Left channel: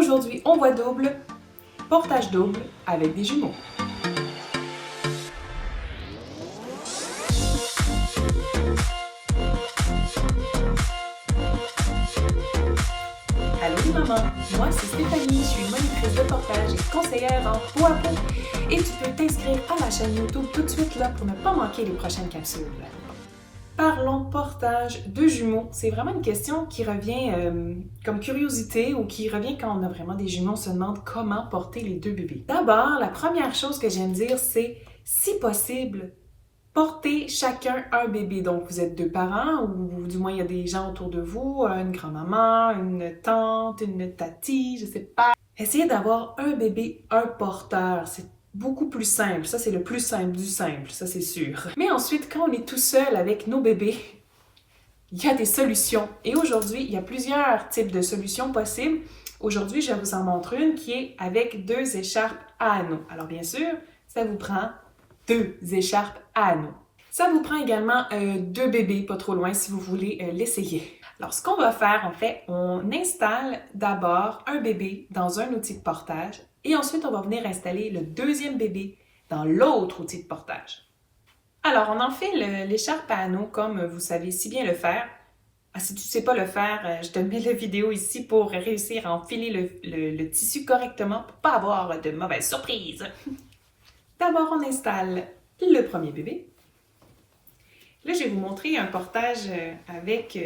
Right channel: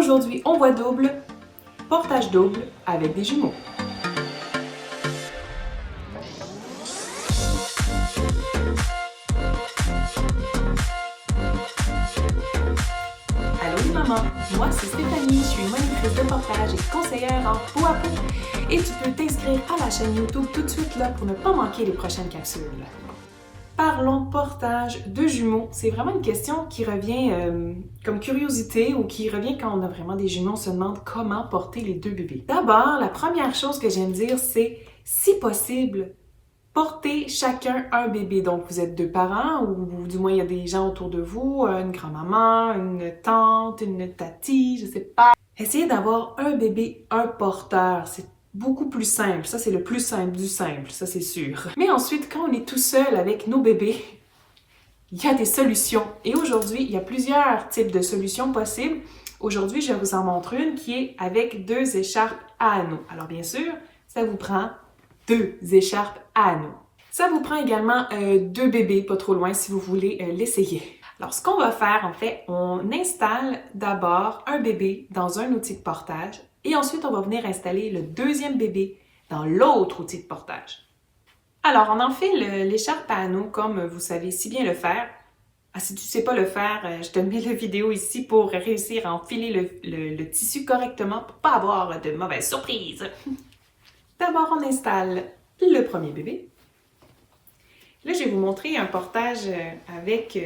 Aujourd'hui, on voit double, portage double avec des jumeaux. Allô les mamans, moi c'est Stéphanie, je suis monitrice de portage et conseillère en peau à peau. Et tu peux t'inscrire à ma chaîne YouTube tout de suite là pour ne pas manquer les prochaines capsules. Parlons portage de jumeaux. C'est vraiment une question qui revient comme curiosité ou qui revient quand on a vraiment des jumeaux, on se demande comment porter les deux bébés. D'abord, la première chose que j'aime dire, c'est si possible, portez chacun un bébé. Donc, vous êtes deux parents ou du moins il y a des gens autour de vous, une grand-maman, une tante, une tati, je sais pas. Essayez d'avoir un bébé, un porteur. C'est beaucoup plus simple. Ça, c'est le plus simple du simple, ça c'est sûr. Mais ensuite, quand on est tout seul avec nos bébés, il y a des solutions. Et aujourd'hui, il y a plusieurs types de solutions possibles. Aujourd'hui, je vous en montre une qui est avec deux écharpes à anneaux. Alors bien sûr, ça vous prend deux écharpes à anneaux. Ça vous prend également deux bébés, pas trop loin si vous voulez l'essayer. Alors, ce qu'on va faire, en fait, on installe d'abord un bébé dans un outil de portage et ensuite, on va venir installer le deuxième bébé dans l'autre outil de portage. Alors, on en fait l'écharpe à anneaux comme vous savez si bien le faire. Ah, si tu ne sais pas le faire, je te mets la vidéo ici pour réussir à enfiler le tissu correctement pour ne pas avoir de mauvaises surprises. D'abord, on installe le premier bébé. Là, je vais vous montrer un portage avec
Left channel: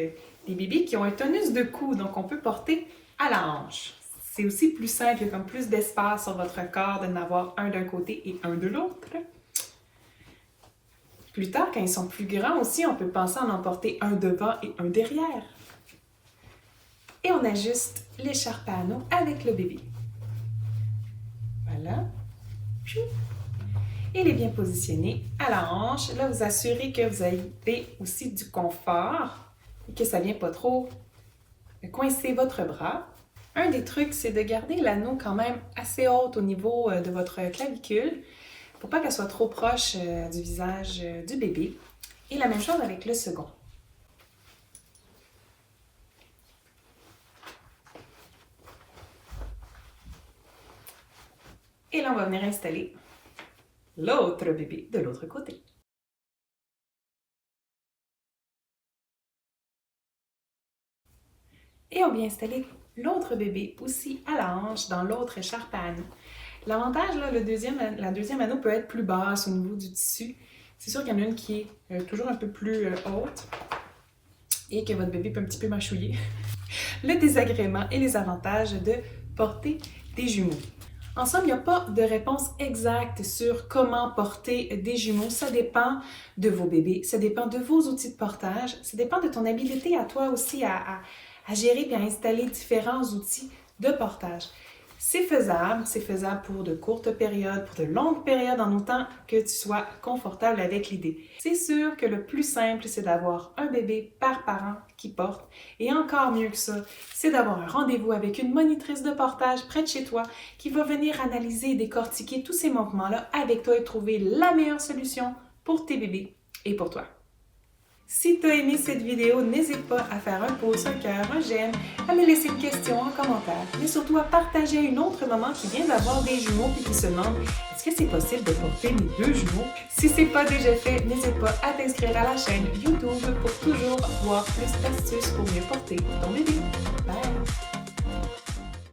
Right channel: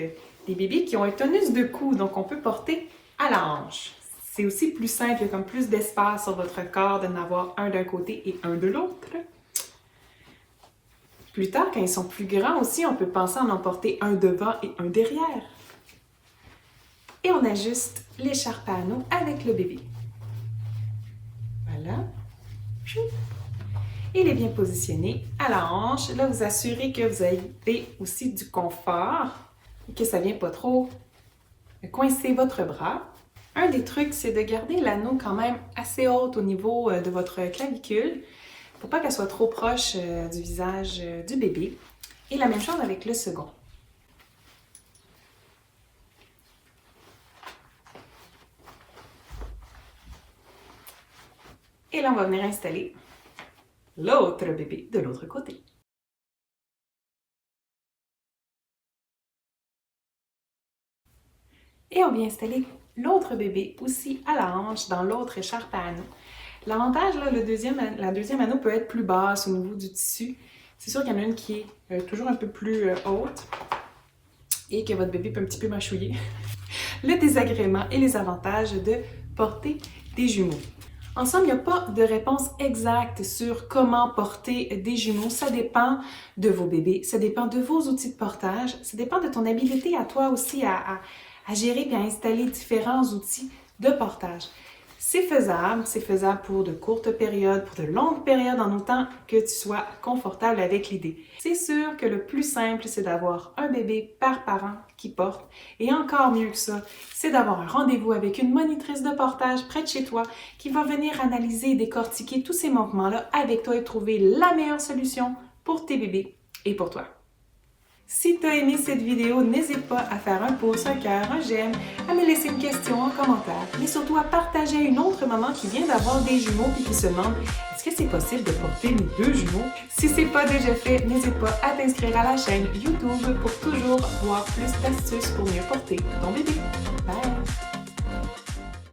des bébés qui ont un tonus de cou, donc on peut porter à la hanche. C'est aussi plus simple, il y a comme plus d'espace sur votre corps de n'avoir un d'un côté et un de l'autre. Plus tard, quand ils sont plus grands aussi, on peut penser à en porter un devant et un derrière. Et on ajuste l'écharpe à anneaux avec le bébé. Voilà. Il est bien positionné à la hanche. Là, vous assurez que vous avez aussi du confort et que ça ne vient pas trop coincer votre bras. Un des trucs, c'est de garder l'anneau quand même assez haute au niveau de votre clavicule pour pas qu'elle soit trop proche du visage du bébé. Et la même chose avec le second. Et là, on va venir installer l'autre bébé de l'autre côté. Et on vient installer l'autre bébé aussi à la hanche dans l'autre écharpe à anneaux. L'avantage, là, la deuxième anneau peut être plus basse au niveau du tissu. C'est sûr qu'il y en a une qui est toujours un peu plus haute et que votre bébé peut un petit peu mâchouiller. Le désagrément et les avantages de porter des jumeaux. En somme, il n'y a pas de réponse exacte sur comment porter des jumeaux. Ça dépend de vos bébés, ça dépend de vos outils de portage, ça dépend de ton habileté à toi aussi à gérer et à installer différents outils de portage. C'est faisable pour de courtes périodes, pour de longues périodes, en autant que tu sois confortable avec l'idée. C'est sûr que le plus simple, c'est d'avoir un bébé par parent qui porte. Et encore mieux que ça, c'est d'avoir un rendez-vous avec une monitrice de portage près de chez toi qui va venir analyser et décortiquer tous ces manquements-là avec toi et trouver la meilleure solution pour tes bébés et pour toi. Si tu as aimé cette vidéo, n'hésite pas à faire un pouce, un cœur, un j'aime, à me laisser une question en commentaire, mais surtout à partager une autre maman qui vient d'avoir des jumeaux et qui se demande est-ce que c'est possible de porter mes deux jumeaux? Si ce n'est pas déjà fait, n'hésite pas à t'inscrire à la chaîne YouTube pour toujours voir plus d'astuces pour mieux porter ton bébé. Bye!